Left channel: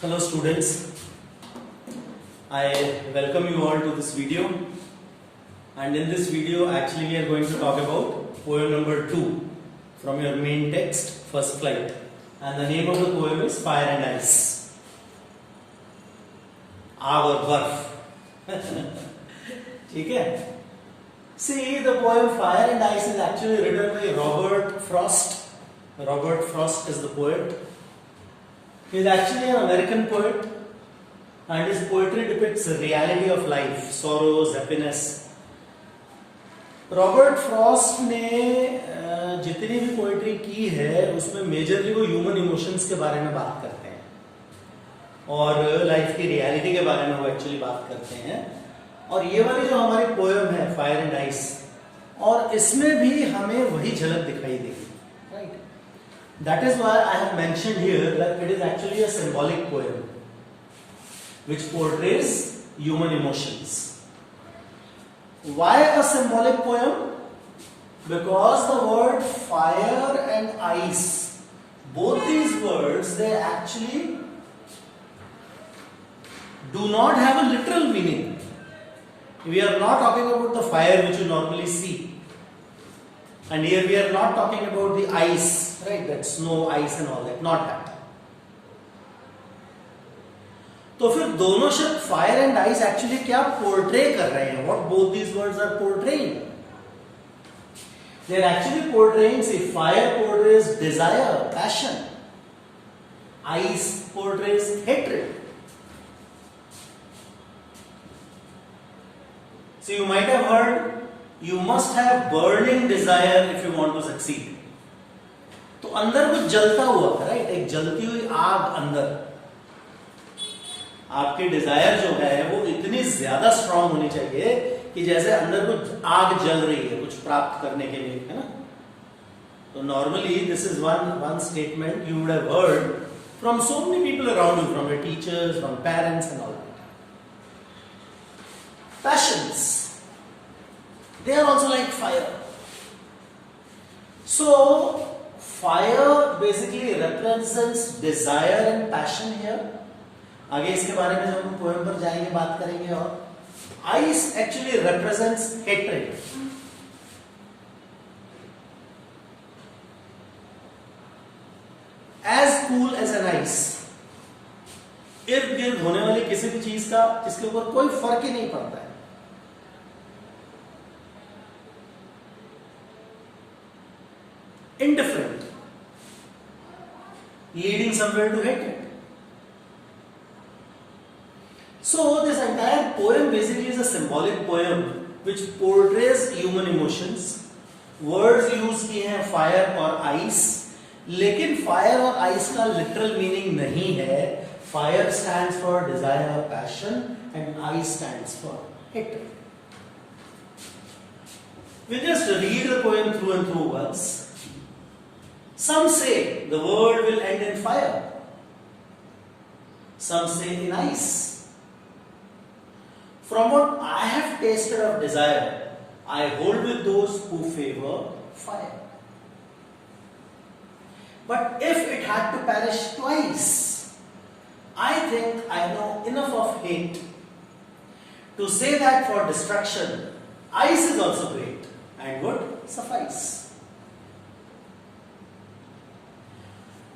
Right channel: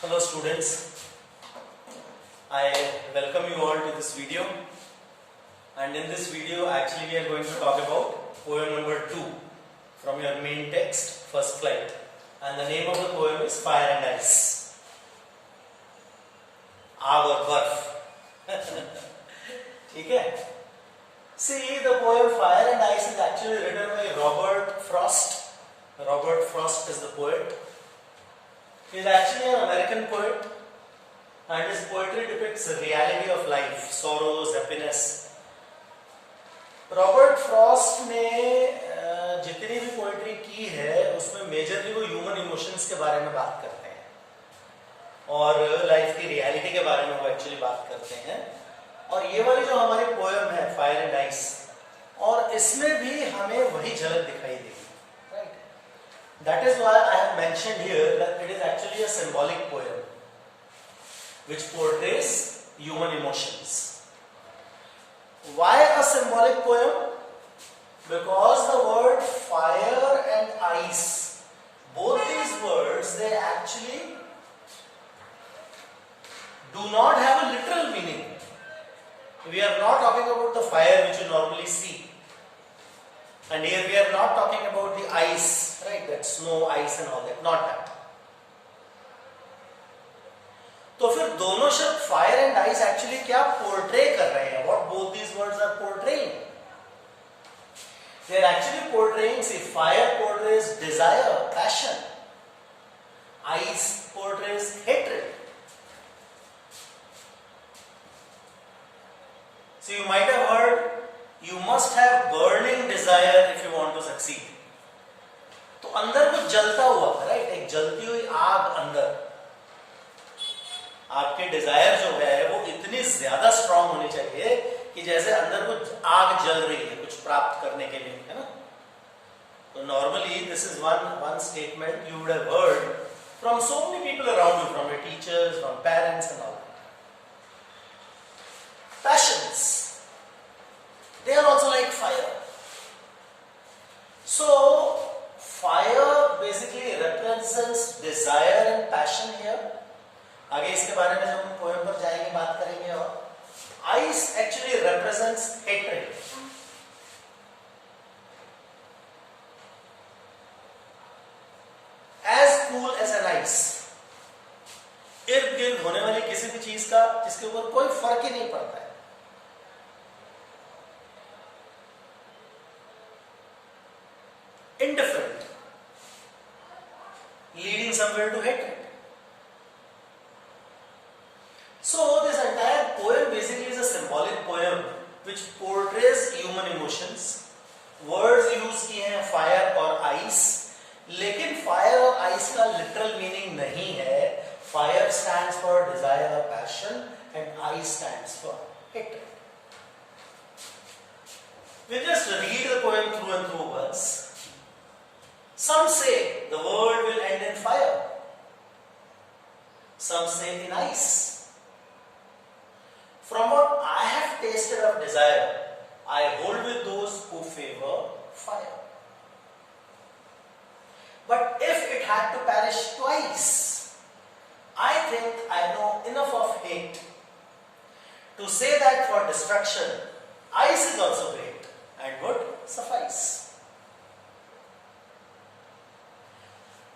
Hello students, I welcome you all to this video, and in this video actually we are going to talk about poem number 2 from your main text First Flight, and the name of the poem is Fire and Ice. आग और बर्फ. ठीक है. See, the poem Fire and Ice is actually written by Robert Frost. Robert Frost is the poet. He is actually an American poet, and his poetry depicts the reality of life, sorrows, happiness. Robert Frost ने जितनी भी poetry की है उसमें majorly वो human emotions के बारे में बात करते हैं और लाइफ की रियलिटी के बारे में वो एक्चुअली बात करते हैं. और ये वाली जो हमारी पोएम है फायर एंड आइस, और इसमें भी हमें वही झलक दिखाई देगी. Right. That is why I have mentioned here that it is actually a symbolic poem which portrays human emotions. Why a symbolic poem? Because the word fire and ice, both these words, they actually do not have a literal meaning. We are not talking about the fire which you normally see, and here we are not talking about the ice, right? That snow, ice and all that, not that. तो फिर दोनों शब्द fire and ice actually क्या portray कर रहे हैं? What both these words are portraying? They are actually portraying, see fire portrays desire, passion. Ice portrays hatred. So you might have heard, you must have burning desire if you want to succeed. तो अंदर कुछ जलता हुआ, right? एक जलती हुई आग अंदर. आपकी डिजायर जो है वो इतनी ज्यादा स्ट्रांग होनी चाहिए कि जैसे अंदर कुछ आग जल रही है कुछ प्राप्त करने के लिए, है ना? तो normally this is one statement you would have heard from so many people around you, from your teachers, from parents and all that. Passions, they are also like fire. So fire basically represents desire and passion here. आगे इसके बारे में जब हम poem पर जाएंगे बात करेंगे. और ice actually represents hatred. As cool as an ice. इर्द गिर्द होने वाली किसी भी चीज का इसके ऊपर कोई फर्क ही नहीं पड़ता है. Indifferent, leading somewhere to hatred. So this entire poem basically is a symbolic poem which portrays human emotions. Words use किए हैं फायर और आइस, लेकिन फायर और आइस का लिटरल मीनिंग नहीं है. फायर स्टैंड्स फॉर डिजायर और passion and ice stands for hatred. We just read the poem through and through once. Some say the world will end in fire. Some say in ice. From what I have tasted of desire, I hold with those who favor fire. But if it had to perish twice, I think I know enough of hate to say that for destruction, ice is also great and would suffice.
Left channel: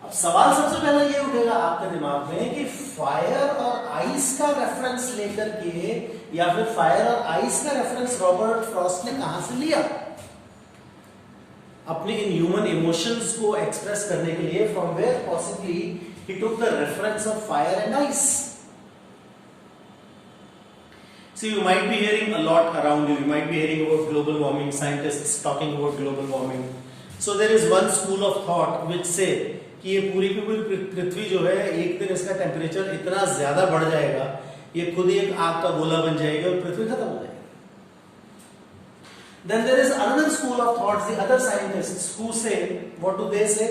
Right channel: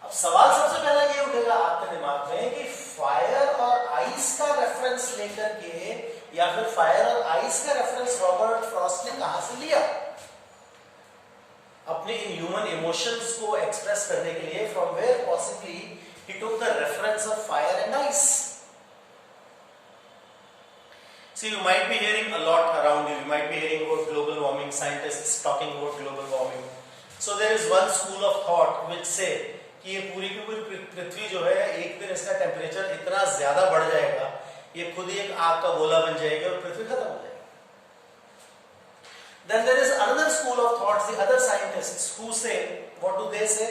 अब सवाल सबसे पहले ये उठेगा आपके दिमाग में कि फायर और आइस का रेफरेंस लेकर के, या फिर फायर और आइस का रेफरेंस रॉबर्ट फ्रॉस्ट ने कहां से लिया अपने इन ह्यूमन इमोशंस को एक्सप्रेस करने के लिए? From where possibly he took the reference of fire and ice? So you might be hearing a lot around you. You might be hearing about global warming, scientists talking about global warming. So there is one school of thought which say कि ये पूरी की पूरी पृथ्वी जो है एक दिन इसका टेम्परेचर इतना ज्यादा बढ़ जाएगा, ये खुद ही एक आग का गोला बन जाएगा और पृथ्वी खत्म हो जाएगी. Then there is another school of thoughts, the other scientists who say, what do they say?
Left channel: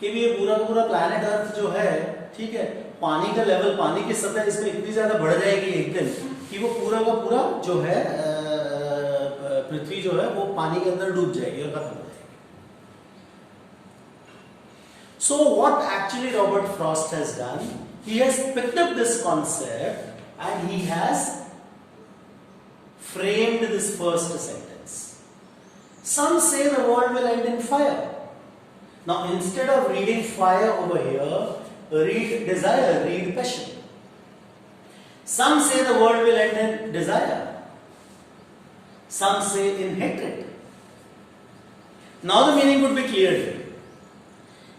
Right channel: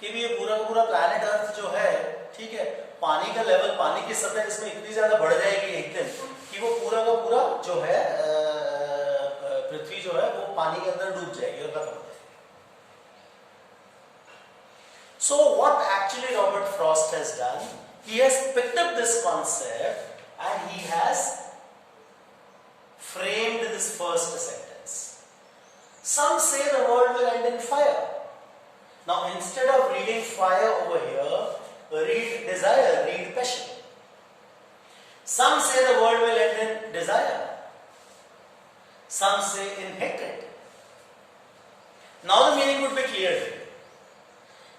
कि ये पूरा का पूरा प्लैनेट अर्थ जो है, ठीक है, पानी का लेवल, पानी की सतह इसमें इतनी ज्यादा बढ़ जाएगी एक दिन कि वो पूरा का पूरा जो है पृथ्वी जो है वो पानी के अंदर डूब जाएगी और खत्म हो जाएगी. So what actually Robert Frost has done, he has picked up this concept and he has framed this first sentence. Some say the world will end in fire. Now instead of reading fire over here, read desire, read passion. Some say the world will end in desire. Some say in hatred. Now the meaning would be clear to you.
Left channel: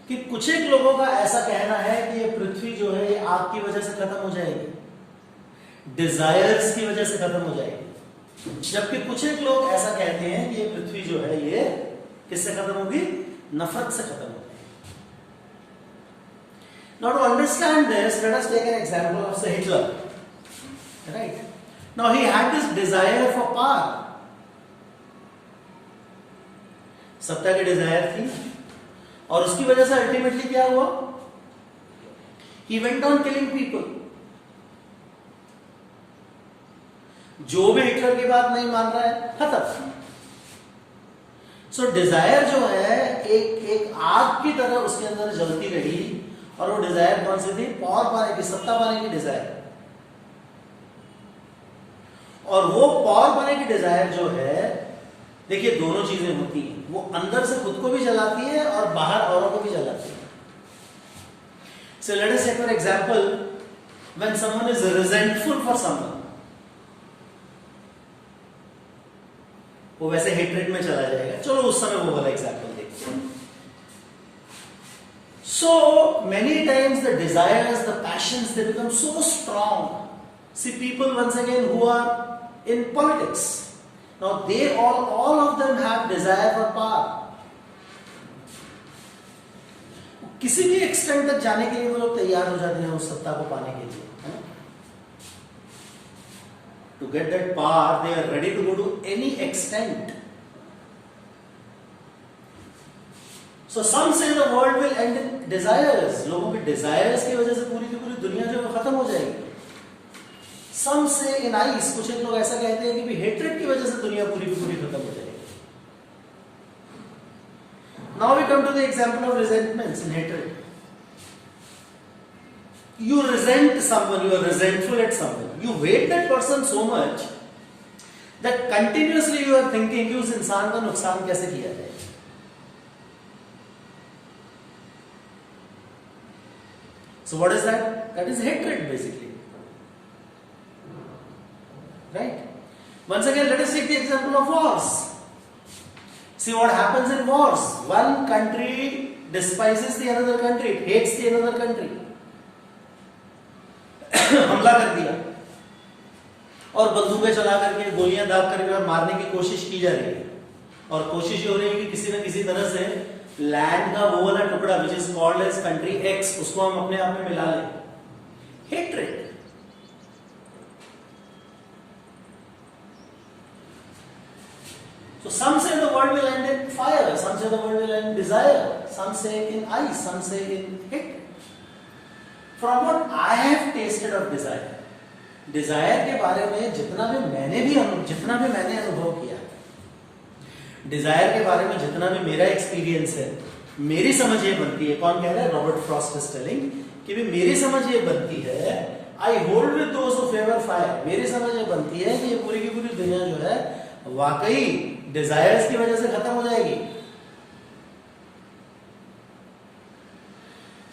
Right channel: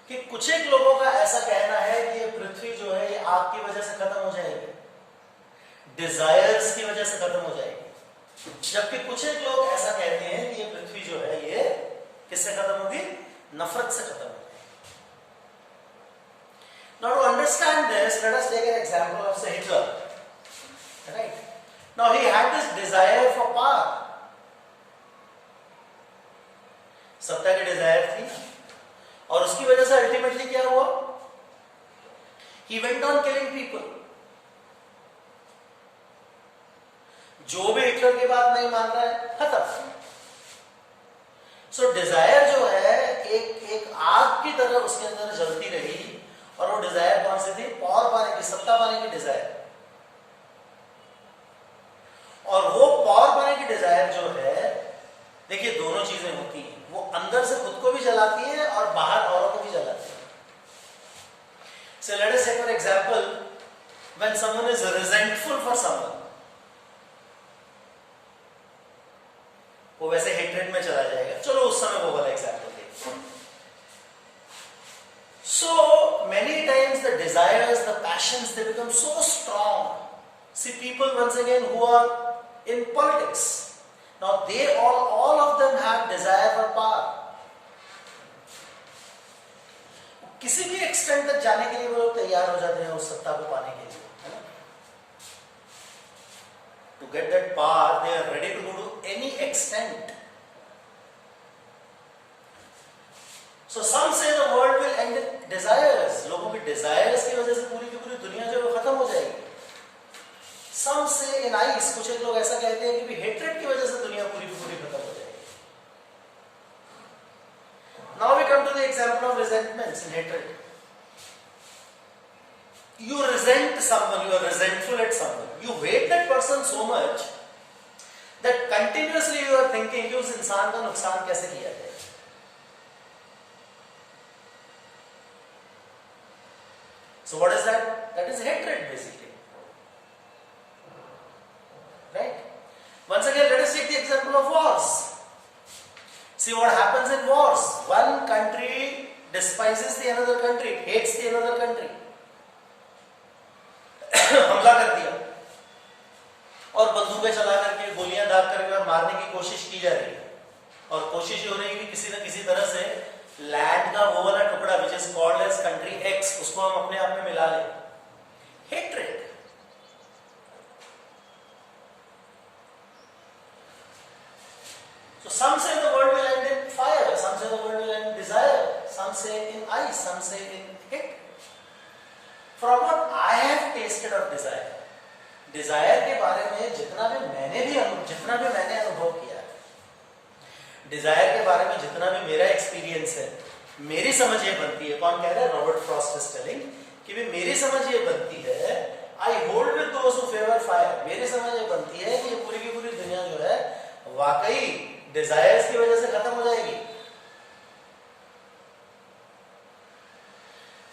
कि कुछ एक लोगों का ऐसा कहना है कि ये पृथ्वी जो है ये आग की वजह से खत्म हो जाएगी, डिजायर्स की वजह से खत्म हो जाएगी, जबकि कुछ एक लोग ऐसा कहते हैं कि ये पृथ्वी जो है ये किससे खत्म होगी, नफरत से खत्म होगी. Now to understand this, let us take an example of say Hitler. Right? Now he had this desire for power. सत्ता की डिजायर थी और उसकी वजह से अल्टीमेटली क्या हुआ, he went on killing people. जो भी हिटलर की बात नहीं मान रहा है खत्म. सो डिजायर जो है एक आग की तरह उसके अंदर जलती रही और वो डिजायर कौन सी थी, पावर पाने की, सत्ता पाने की डिजायर. और वो पावर पाने की डिजायर जो है, देखिए दोनों चीजें होती हैं, वो अंदर से खुद को भी जलाती है और बाहर औरों को भी जलाती है. So let us take for example, when someone is resentful for someone, वो वैसे हेट्रेड में चला जाएगा. चलो उस समय वो वाला एग्जाम्पल देखते हैं. So many times the desires, the passions, they become so strong. See people once again who are in politics. Now they all of them have desire for power. किसी भी एक्सटेंट तक जाने के लिए वो लोग तैयार हो जाते हैं उस सत्ता को पाने के लिए, है ना. To get that power, they are ready to go to any extent. So some say the world will end in desires. लोगों के desires की वजह से पूरी की पूरी दुनिया जो है खत्म हो जाएगी. Some say in ice, कुछ एक लोग ऐसा कहते हैं कि भी hatred की वजह से दुनिया पूरी की पूरी खत्म हो जाएगी. Now we come to the example of resentments and hatred. You resent someone, you are resentful at someone. You hate that person so much that continuously you are thinking कि उस इंसान का नुकसान कैसे किया जाए. So what is that? That is hatred basically. Right? Once again, let us take the example of wars. See what happens in wars. One country despises the another country, hates the another country. हमला कर दिया और बंदूकें चला करके, गोलियां दाग करके और मारने की कोशिश की जा रही है. और कोशिश हो रही है कि किसी न किसी तरह से लैंड का वो वाला टुकड़ा which is called as country X, उसको हम अपने आप में मिला लें. Hatred. So some say the world will end in fire, some say the world will end in desire, some say in ice, some say in hate. From what I have tasted of desire, desire के बारे में जितना भी मैंने अनुभव किया है, Dzire के बारे में जितना भी मेरा एक्सपीरियंस है, मेरी समझ ये बनती है, कौन कह रहा है, रॉबर्ट फ्रॉस्ट इज टेलिंग, कि भी मेरी समझ ये बनती है, I hold with those who favour fire, मेरी समझ ये बनती है कि ये पूरी की पूरी दुनिया जो है वाकई डिजायर्स की वजह से खत्म हो जाएगी.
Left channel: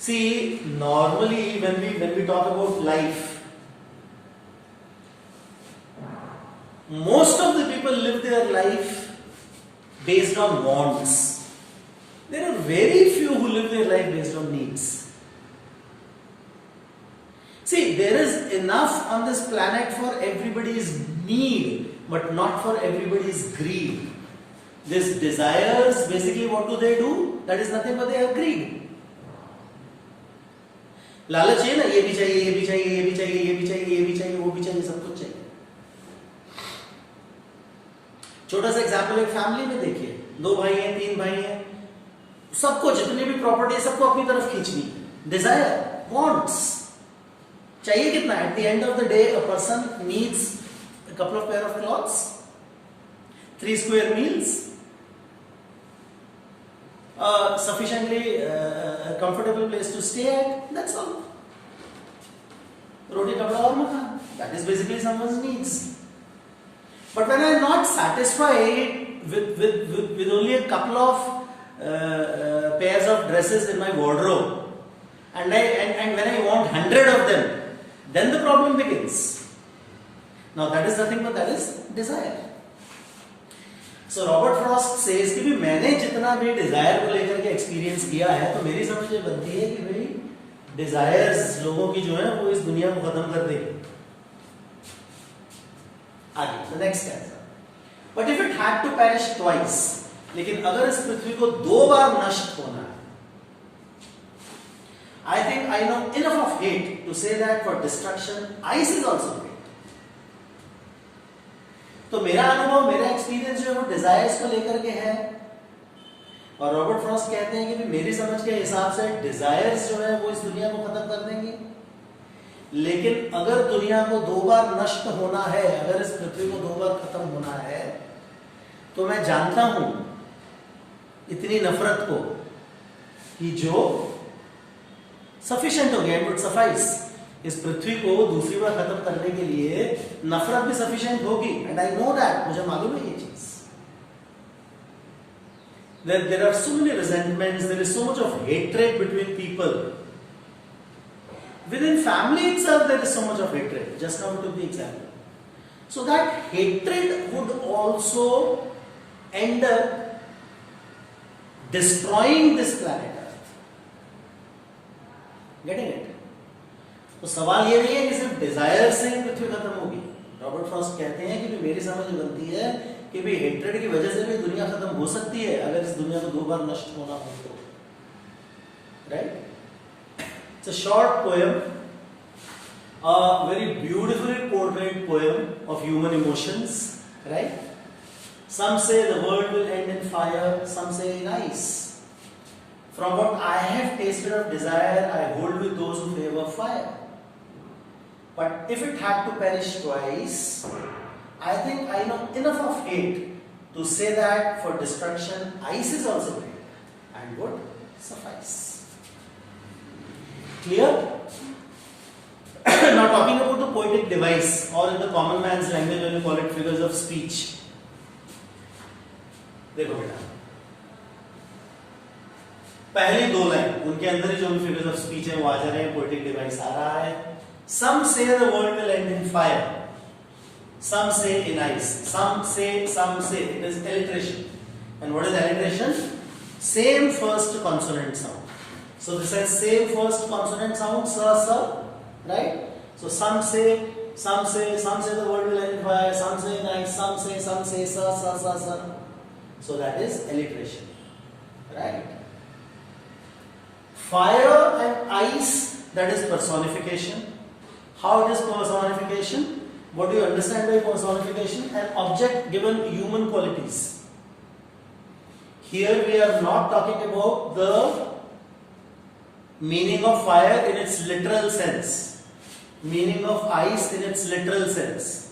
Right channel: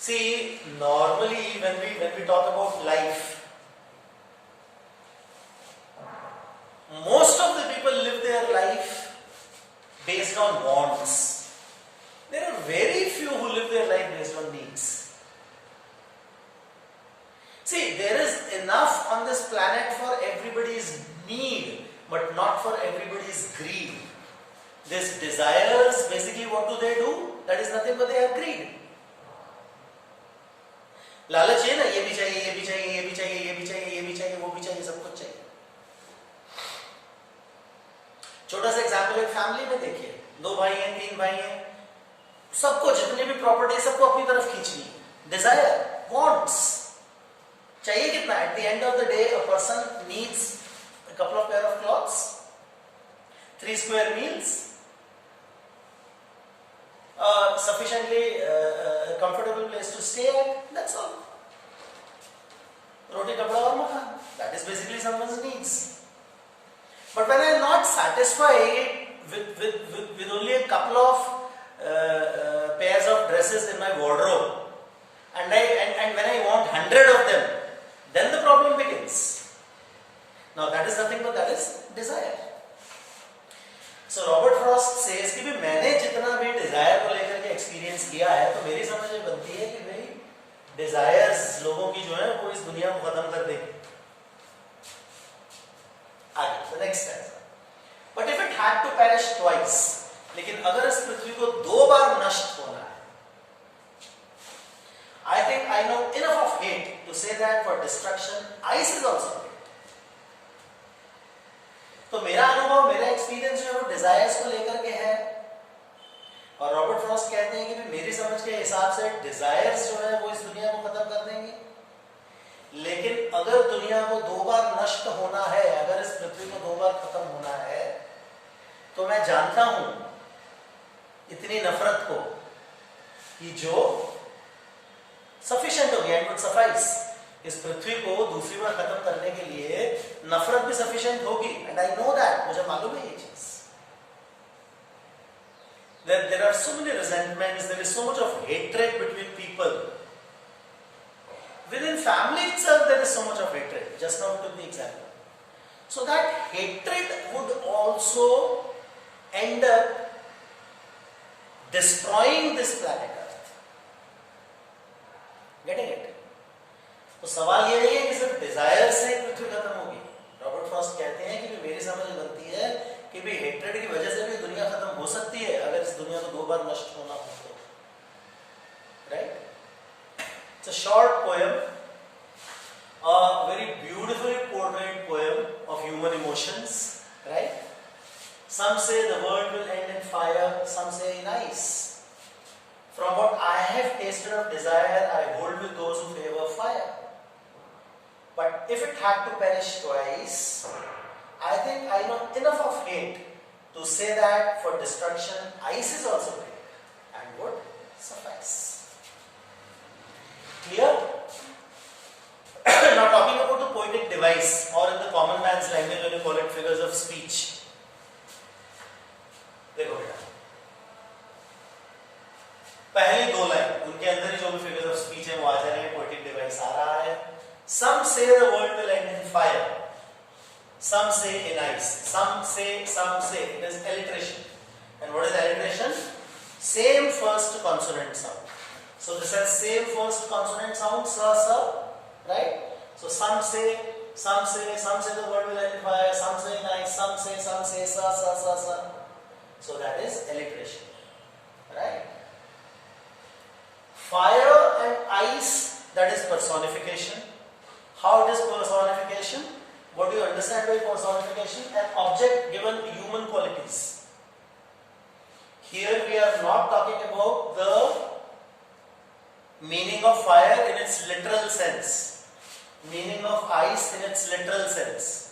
See, normally when we talk about life, most of the people live their life based on wants. There are very few who live their life based on needs. See, there is enough on this planet for everybody's need, but not for everybody's greed. These desires, basically what do? That is nothing but they have greed. लालच है ना, ये भी चाहिए, ये भी चाहिए, ये भी चाहिए, ये भी चाहिए, ये भी चाहिए, वो भी चाहिए, सब कुछ चाहिए. छोटा सा एग्जाम्पल एक फैमिली में देखिए, 2 भाई हैं, 3 भाई हैं, सबको जितनी भी प्रॉपर्टी है सबको अपनी तरफ खींचनी है. डिजायर, वॉन्ट्स, चाहिए कितना? At the end of the day a person needs a couple of pair of clothes, 3 square meals, sufficiently comfortable place to stay at. That's all. Roti, kapda aur makan. That is basically someone's needs. But when I am not satisfied with only a couple of pairs of dresses in my wardrobe, and when I want 100 of them, then the problem begins. Now that is nothing but that is desire. So Robert Frost says कि भी मैंने जितना भी desire को लेकर के experience किया है, तो मेरी समझ ये बनती है कि भाई desires लोगों की जो है वो इस दुनिया को खत्म कर देगी. आगे, the next stanza. But if it had to perish twice, लेकिन अगर इस पृथ्वी को 2 बार नष्ट होना है, I think I know enough of hate to say that for destruction, ice is also great. तो मेरा अनुभव, मेरा एक्सपीरियंस जो है वो डिजायर्स को लेकर के है, और रॉबर्ट फ्रॉस्ट कहते हैं कि मेरी समझ के हिसाब से डिजायर्स जो है वो इस दुनिया को खत्म कर देंगे. लेकिन अगर दुनिया को 2 बार नष्ट होना है, अगर इस पृथ्वी को 2 बार खत्म होना है, तो मैं जानता हूं इतनी नफरत को कि जो सफिशिएंट हो गया, इट वुड सफाइस. इस पृथ्वी को दूसरी बार खत्म करने के लिए नफरत भी सफिशिएंट होगी, एंड आई नो दैट. मुझे मालूम है ये चीज. There are so many resentments, there is so much of hatred between people. Within family itself there is so much of hatred. Just now we took the example. So that hatred would also end up destroying this planet Earth. Getting it? तो सवाल ये नहीं है कि सिर्फ Dzire से पृथ्वी खत्म होगी. रॉबर्ट फ्रॉस्ट कहते हैं कि मेरी समझ बनती है कि भी हेट्रेड की वजह से भी दुनिया खत्म हो सकती है अगर इस दुनिया को 2 बार नष्ट होना हो तो. Right? It's a short poem, a very beautifully portrayed poem of human emotions. Right? Some say the world will end in fire, some say in ice. From what I have tasted of desire, I hold with those who favor fire. But if it had to perish twice, I think I know enough of hate to say that for destruction, ice is also great and would suffice. Clear? Now talking about the poetic device, or in the common man's language when you call it figures of speech. देखो बेटा, पहली 2 line उनके अंदर ही जो भी figures of speech है वो आ जा रहे हैं, पोएटिक डिवाइस आ रहा है. Some say the world will end in fire, some say in ice, some say it is alliteration. And what is alliteration? Same first consonant sound. So this has same first consonant sound, sa, right? So some say the world will end in fire, some say in ice, some say sa. So that is alliteration, right? Fire and ice, that is personification. How it is personification? What do you understand by personification? An object given human qualities. Here we are not talking about the meaning of fire in its literal sense, meaning of ice in its literal sense.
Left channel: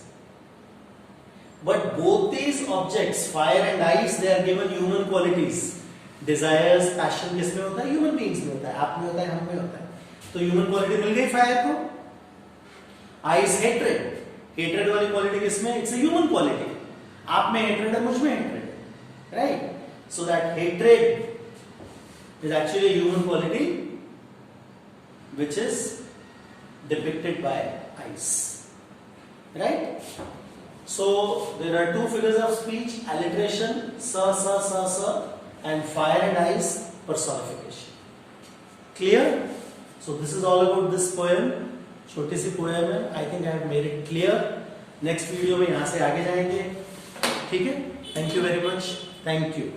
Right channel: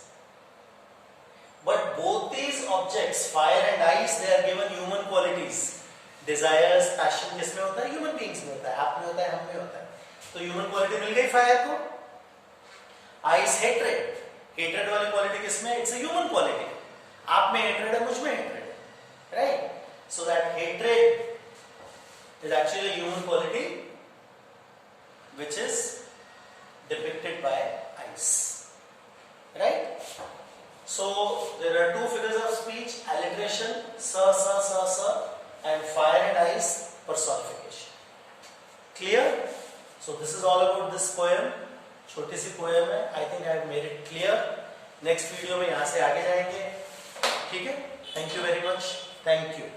But both these objects, fire and ice, they are given human qualities. Desires, passion किसमें होता है? Human beings में होता है, आप में होता है, हम में होता है. तो human quality मिल गई fire को. Ice, hatred. Hatred वाली quality किसमें? It's a human quality. आप में hatred है, मुझ में hatred, right? So that hatred is actually a human quality which is depicted by ice, right? So there are 2 figures of speech: alliteration, sa, and fire and ice, personification. Clear? So this is all about this poem. छोटी सी poem है. I think I have made it clear. Next video में यहाँ से आगे जाएंगे. ठीक है? Thank you very much. Thank you.